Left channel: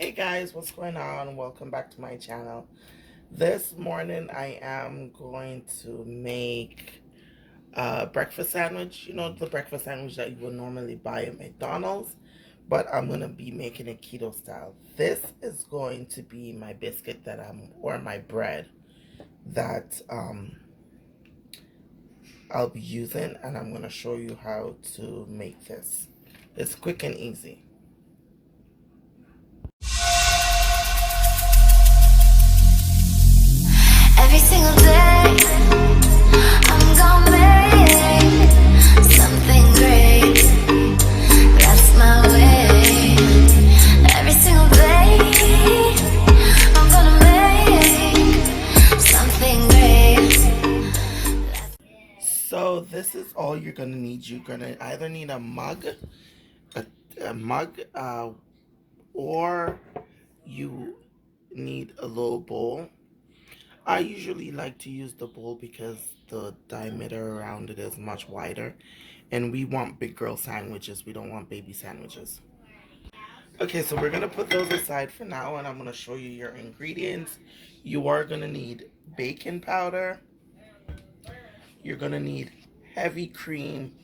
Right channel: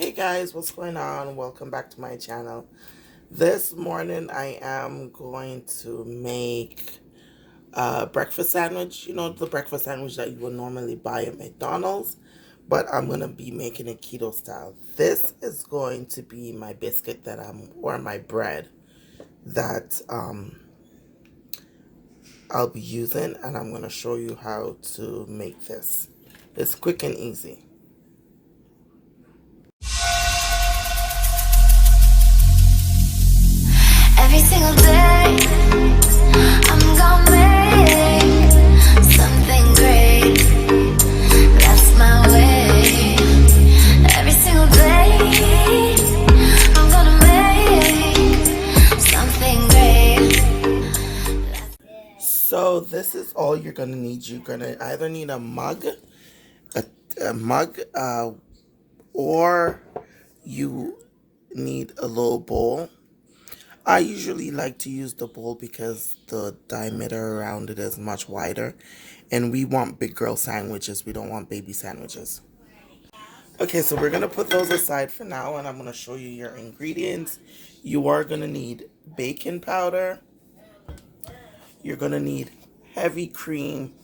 Hey guys, what's going on? Welcome back to my channel. This morning I am going to make a breakfast sandwich. You know, the breakfast sandwich that you would normally buy at McDonald's, but I'm going to be making it keto style. This is going to be my biscuit or my bread that I'll be using, and I'm going to show you how to make this. It's quick and easy. Every single day, I'm gonna make something great. That's my way. Every single day, I'm gonna make something great. So this is all you're gonna need. You're gonna either need a mug, or you need a little bowl. I usually like to use the bowl because the diameter around it is much wider, and we want big girl sandwiches. We don't want baby sandwiches. Okay, so we're gonna put those aside for now, and I'm gonna show you your ingredients. You are gonna need baking powder. You're gonna need heavy cream.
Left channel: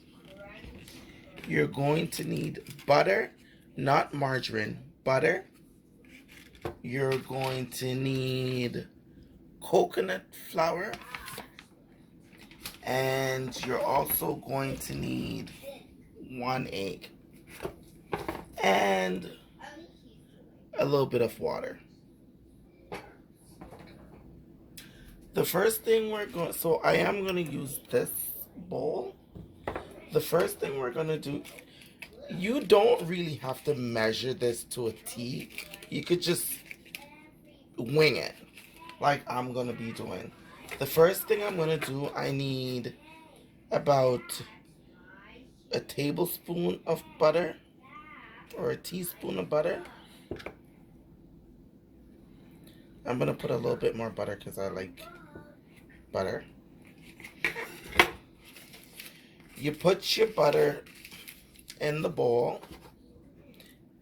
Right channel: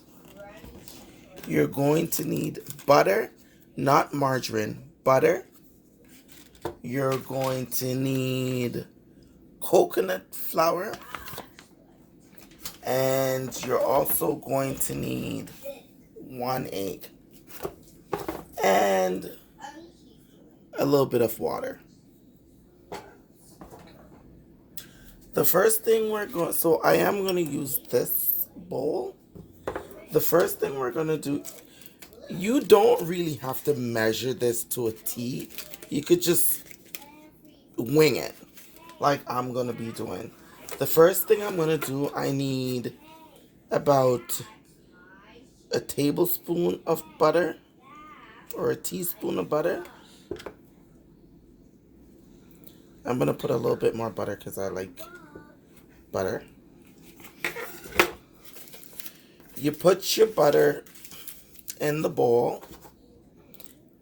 You're going to need butter, not margarine, butter. You're going to need coconut flour, and you're also going to need 1 egg and a little bit of water. The first thing so I am going to use this bowl. The first thing we're going to do, you don't really have to measure this to a T. You could just wing it like I'm going to be doing. The first thing I'm going to do, I need about a tablespoon of butter or a teaspoon of butter. I'm going to put a little bit more butter because I like butter. You put your butter in the bowl,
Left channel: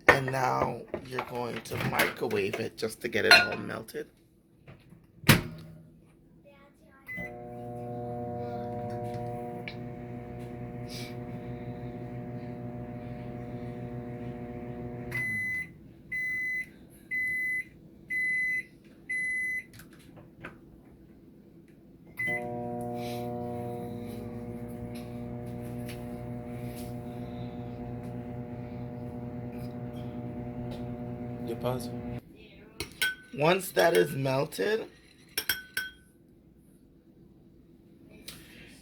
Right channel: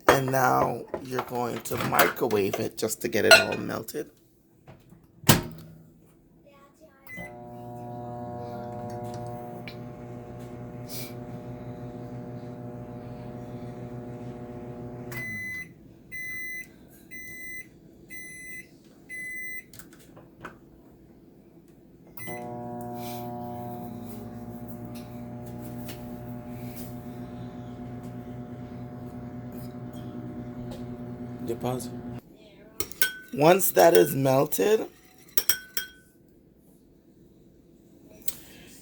and now you're going to microwave it just to get it all melted. You pause. Once that is melted,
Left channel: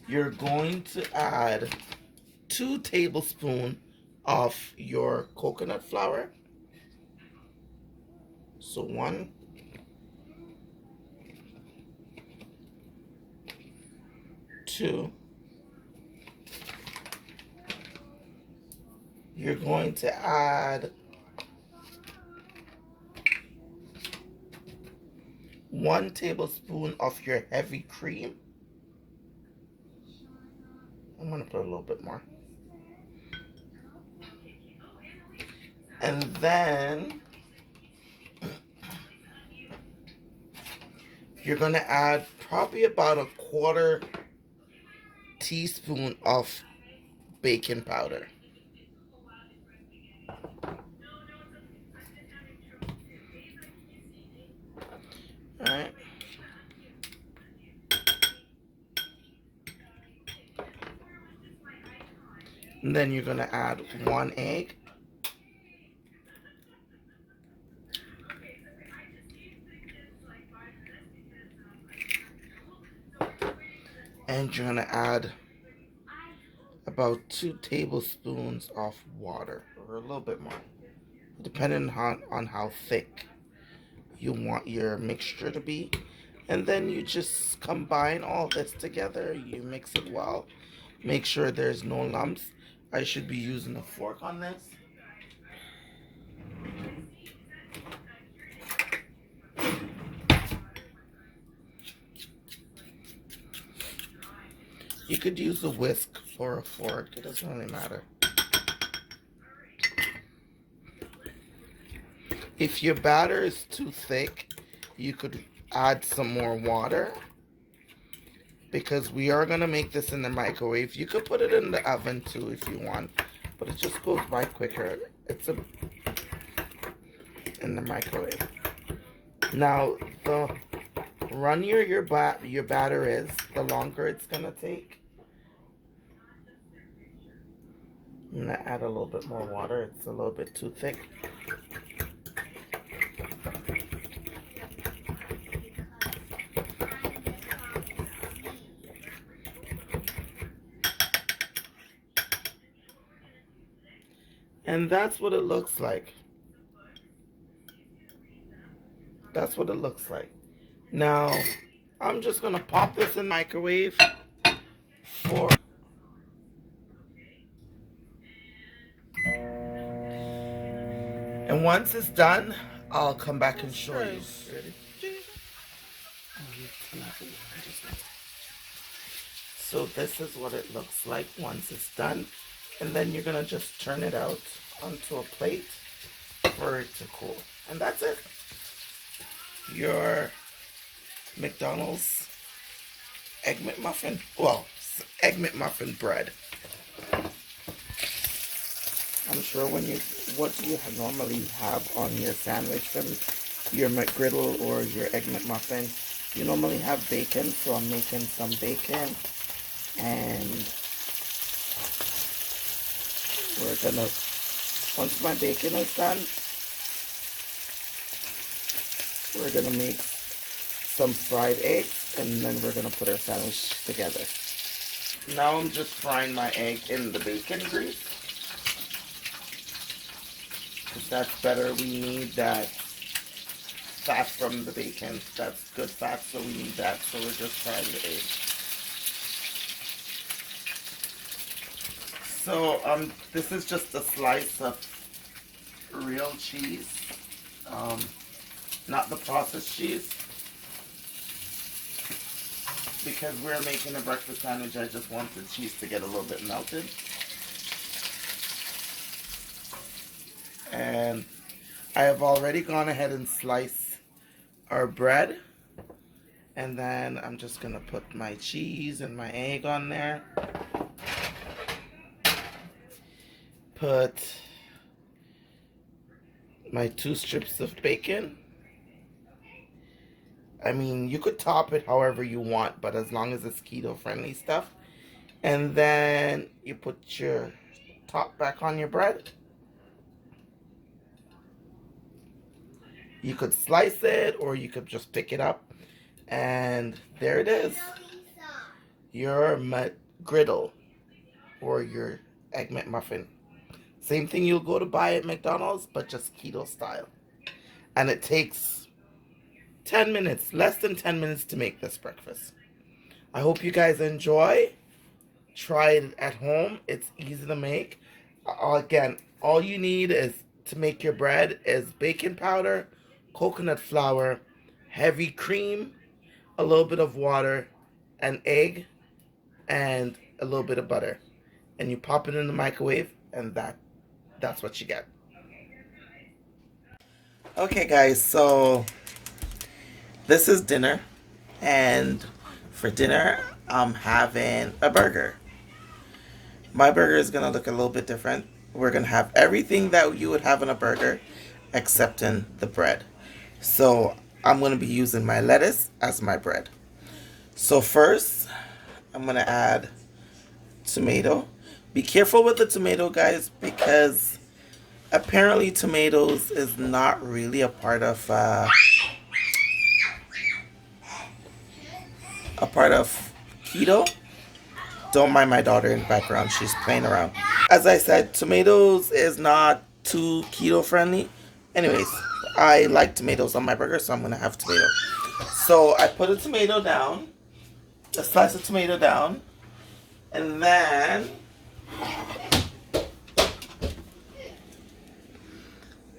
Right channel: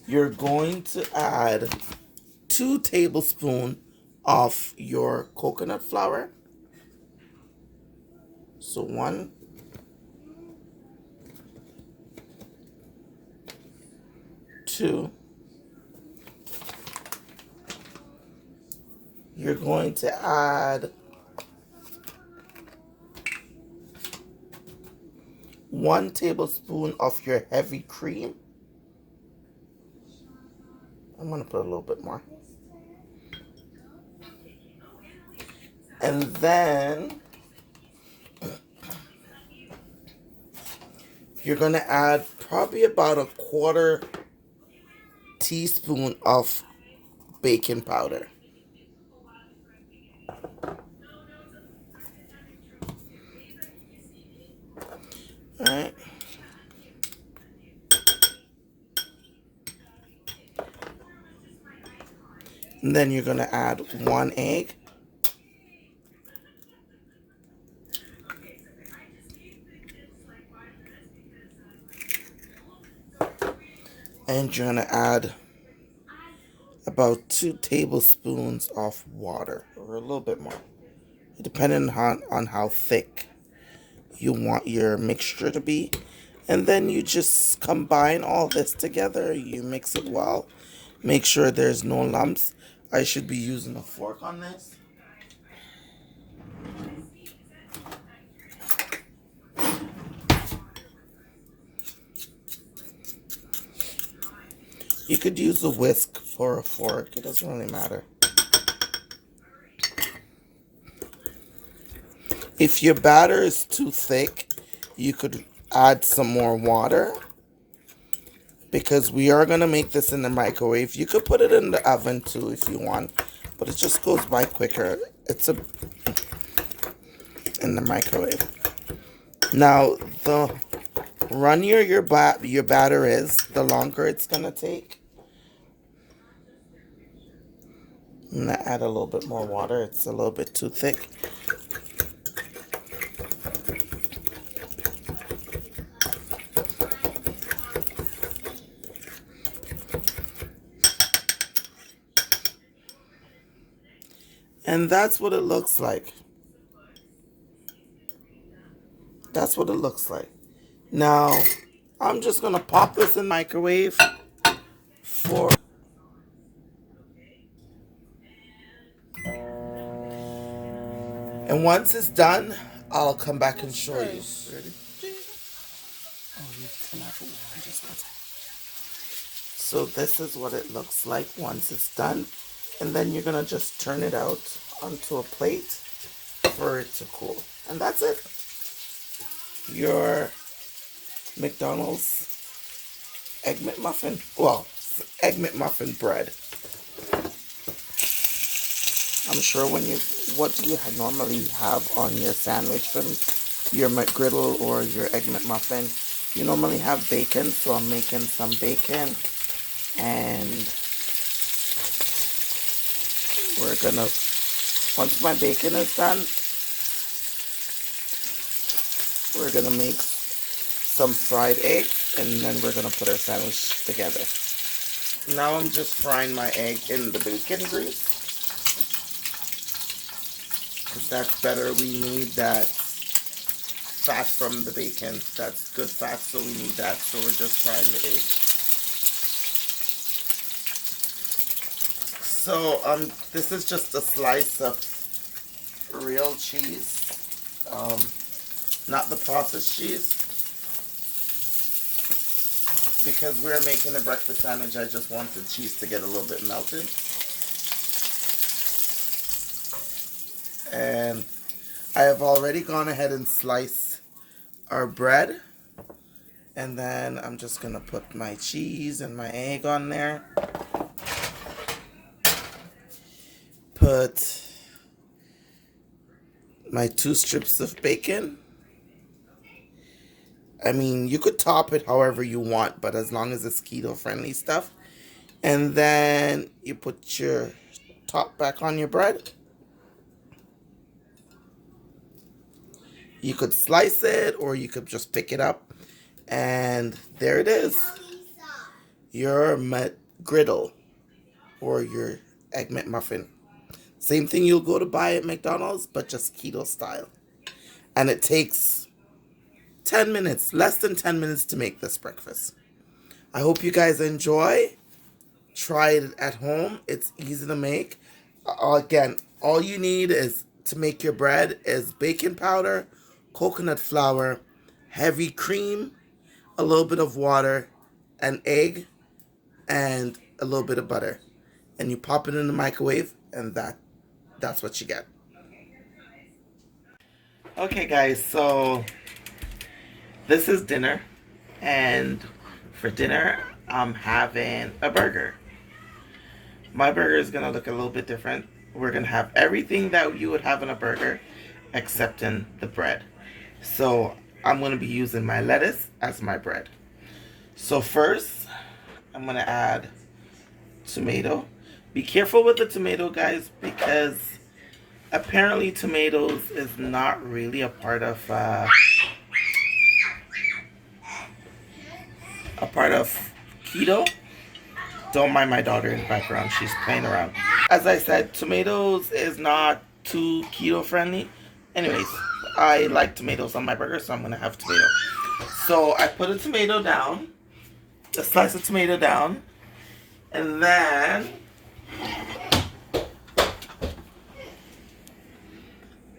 you're going to add 2 tablespoons of your coconut flour. So 1, 2. You're going to add 1 tablespoon of your heavy cream. I'm going to put a little bit more. And then you're going to add probably about a 1/4 teaspoon of baking powder. All right. And then you're going to add 1 egg. And you're going to add about 2 tablespoons of water, or a little bit more, depending on how thick you want your mixture to be. And then you just combine all this together. You mix it well. Make sure there's no lumps. I should be using a fork on this. You could use a whisk for a fork. It doesn't really matter. If your batter is too thick, you could add some more water because we are going to make this in the microwave. You could put it in the oven too if you want, but it just goes by quicker. It's in the microwave. Now, the runnier your batter is, the longer it's going to take. I'm going to add a little bit more water. It's a little bit too thick. And that's what it looks like. That's what it looks like. Now, I'm just going to pop this in the microwave for... And once it's done, I'll come back and show you. Ready? So this is what it looks like once it's done. And then you're going to just turn it out onto a plate for it to cool. And that's it. Your McDonald's Egg McMuffin. Well, Egg McMuffin bread. I'm sure what do you normally have on your sandwich from your McGriddle or your Egg McMuffin? You normally have bacon, so I'm making some bacon. And we're gonna, once my bacon is done, we're gonna make some fried eggs, and then we're gonna put our sandwich together. Now I'm just frying my egg in the bacon grease, because that's better. We need that fat from the bacon. That's good fat, so we need that. So we're just frying the egg. So this is just a slice of real cheese, not the processed cheese. Because we're making a breakfast sandwich, I just want the cheese to get a little bit melted. And I have already gone ahead and sliced our bread. And then I'm just going to put my cheese and my egg on there. Put my 2 strips of bacon. I mean, you could top it however you want, but as long as it's keto friendly stuff. And then you put your top back on your bread. You could slice it or you could just pick it up. And there it is. Your McGriddle or your Egg McMuffin. Same thing you'll go to buy at McDonald's, but just keto style. And it takes 10 minutes, less than 10 minutes to make this breakfast. I hope you guys enjoy. Try it at home. It's easy to make. Again, all you need is to make your bread is bacon powder, coconut flour, heavy cream, a little bit of water, an egg, and a little bit of butter. And you pop it in the microwave, and that's what you get. Okay, guys, so this is dinner, and for dinner, I'm having a burger. My burger is going to look a little bit different. We're going to have everything that you would have in a burger, except in the bread. So I'm going to be using my lettuce as my bread. So first, I'm going to add tomato. Be careful with the tomato, guys, because apparently tomatoes is not really a part of keto. Don't mind my daughter in the background. She's playing around. As I said, tomatoes is not too keto friendly. Anyways, I like tomatoes on my burger, so I'm going to have tomato. So I put a tomato down, a slice of tomato down, and then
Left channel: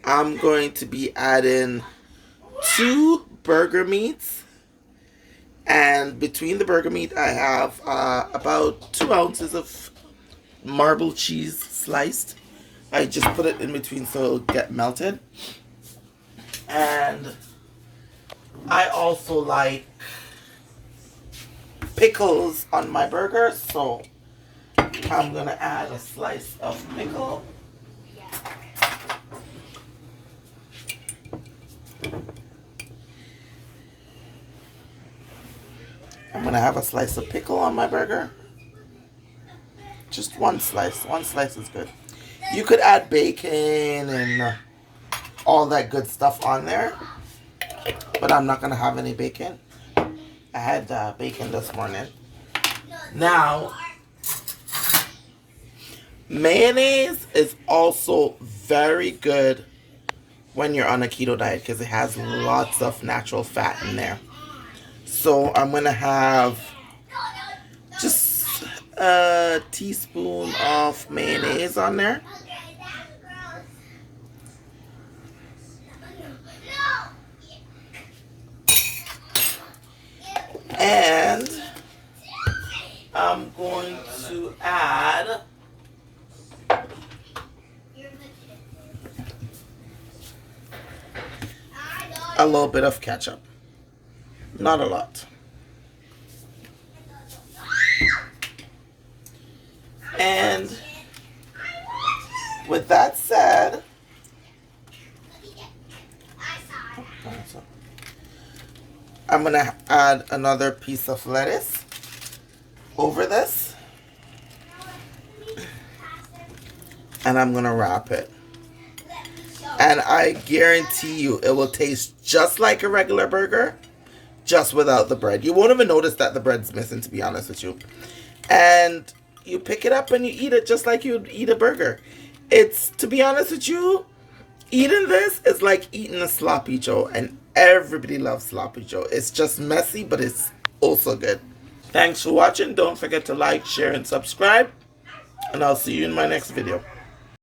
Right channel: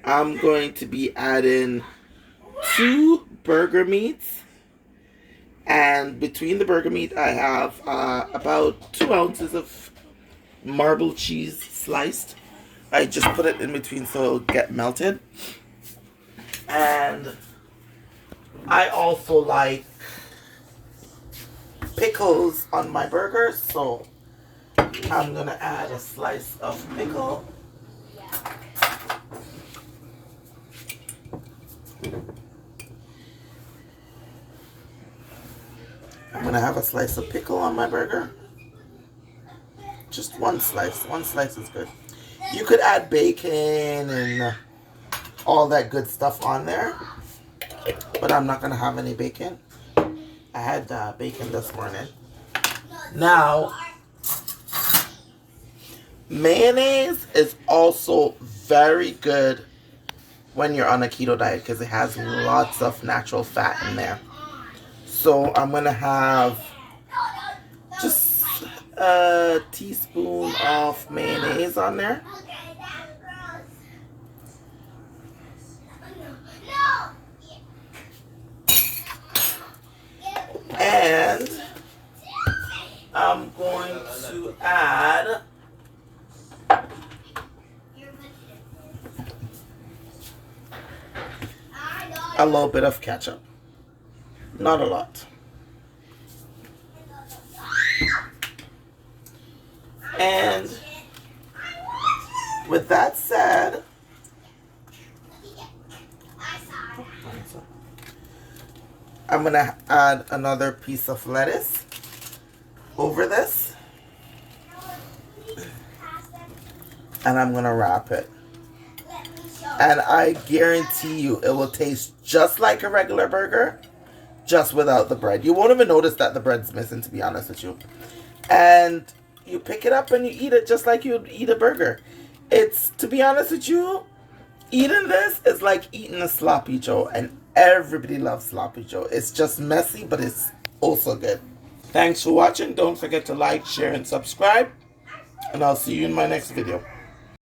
I'm going to be adding 2 burger meats. And between the burger meat, I have about 2 ounces of marble cheese sliced. I just put it in between so it'll get melted. And I also like pickles on my burger, so I'm gonna add a slice of pickle. I'm gonna have a slice of pickle on my burger. Just one slice. One slice is good. You could add bacon and all that good stuff on there, but I'm not gonna have any bacon. I had bacon this morning. Now, mayonnaise is also very good when you're on a keto diet because it has lots of natural fat in there. So I'm gonna have just a teaspoon of mayonnaise on there. And I'm going to add a little bit of ketchup. Not a lot. And with that said, I'm going to add another piece of lettuce over this. And I'm going to wrap it. And I guarantee you it will taste just like a regular burger, just without the bread. You won't even notice that the bread's missing, to be honest with you. And you pick it up and you eat it just like you would eat a burger. It's, to be honest with you, eating this is like eating a sloppy joe, and everybody loves sloppy joe. It's just messy, but it's also good. Thanks for watching. Don't forget to like, share, and subscribe, and I'll see you in my next video.